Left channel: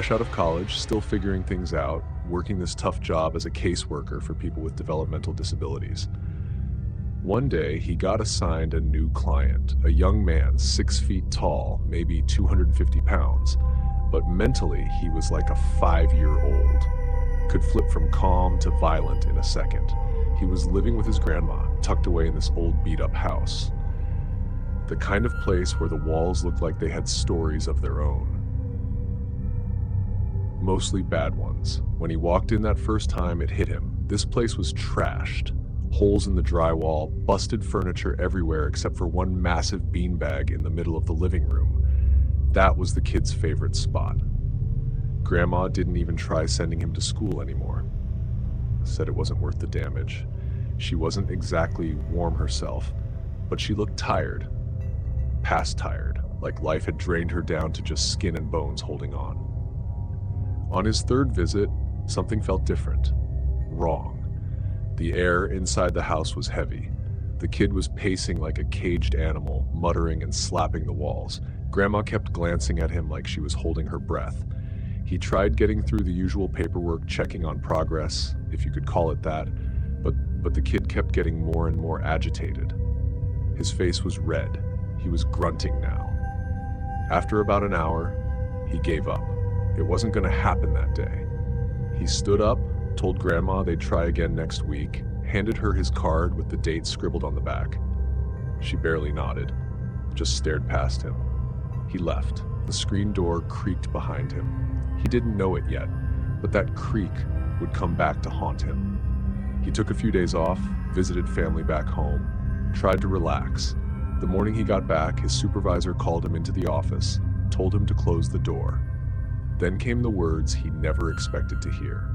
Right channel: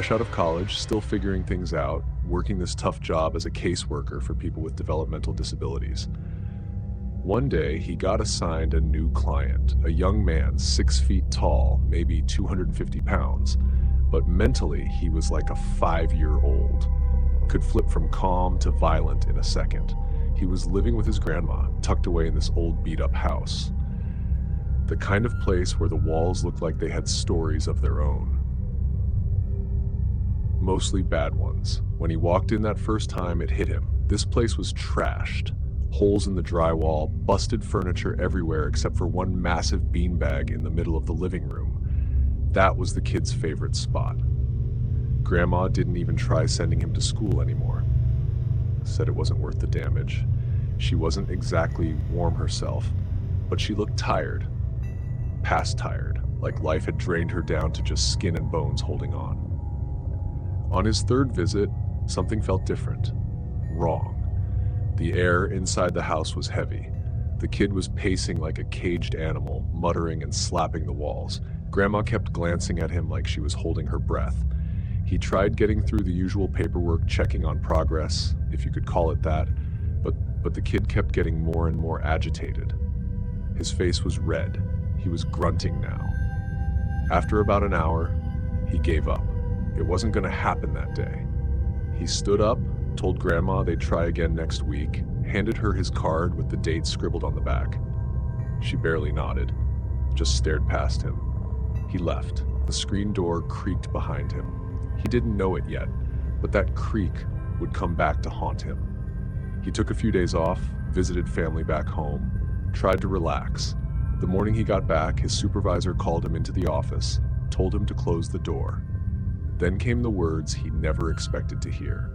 Fresh out of college, still figuring things out, working this tough job as a caseworker for people with developmental disabilities. One day, he got assigned a new client, a young man, 6 feet tall, maybe 250 pounds, but mentally, he was like a 5-year-old. Could flip from calm to violent in a second. He was living with his grandma, tucked away in this old beat-up house. The kind of place where the walls looked like they had stories of their own. Mostly bad ones. When he walked in that first time, it hit him. This place was trashed. Holes in the drywall, busted furniture everywhere except for one massive beanbag in the middle of the living room. That was the kid's favorite spot. Grandma didn't even try sending him to school anymore. Said it wasn't worth the damage. She wasn't exactly warm herself, but she looked tired. Past tired, like life had drained her down to just skin and bones holding on. On his third visit, something felt different. Wrong. The air inside the house was heavy. The kid was pacing like a caged animal, muttering and slapping the walls. Grandma kept glancing at him like she was holding her breath. He tried getting through the usual paperwork, checking on progress, if you could call it that, but the kid kept getting more and more agitated. His face was red. He was grunting now. After about an hour, he gave up. It wasn't going to happen that day. He stood up, told Grandma they'd try again next week, handed her his card with the date scribbled on the back. She barely nodded, just stared past him. He left. The screen door creaked behind him. He didn't know it yet, but that creak would come back to haunt him. He took a few days off, visited family back home, tried to relax. The morning he got back, his supervisor called him into the office, told him to close the door. Then came the words he never expected to hear.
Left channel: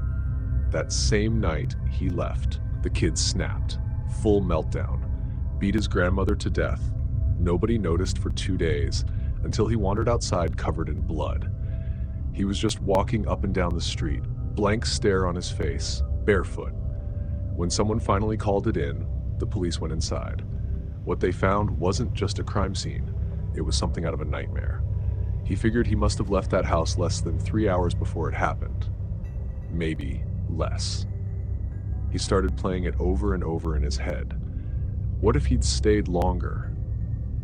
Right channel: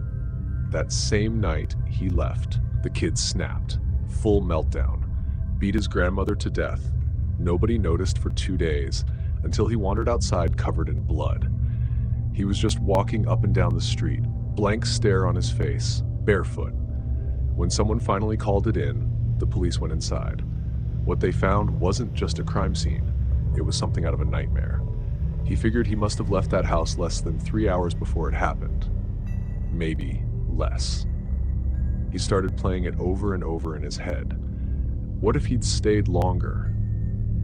That same night, he left. The kid snapped. Full meltdown. Beat his grandmother to death. Nobody noticed for 2 days, until he wandered outside covered in blood. He was just walking up and down the street, blank stare on his face, barefoot. When someone finally called it in, the police went inside. What they found wasn't just a crime scene. It was something out of a nightmare. He figured he must have left that house less than 3 hours before it happened. Maybe less. He started playing it over and over in his head. What if he'd stayed longer?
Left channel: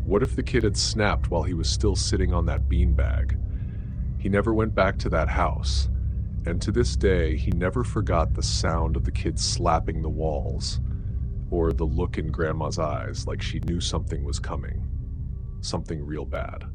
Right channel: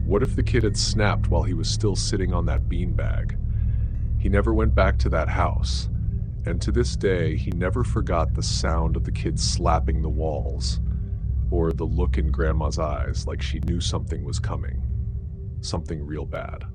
What if the kid had snapped while he was still sitting on that beanbag? He never went back to that house, and to this day, he never forgot the sound of the kid slapping the walls, or the look in Grandma's eyes like she knew something was coming. Something real bad.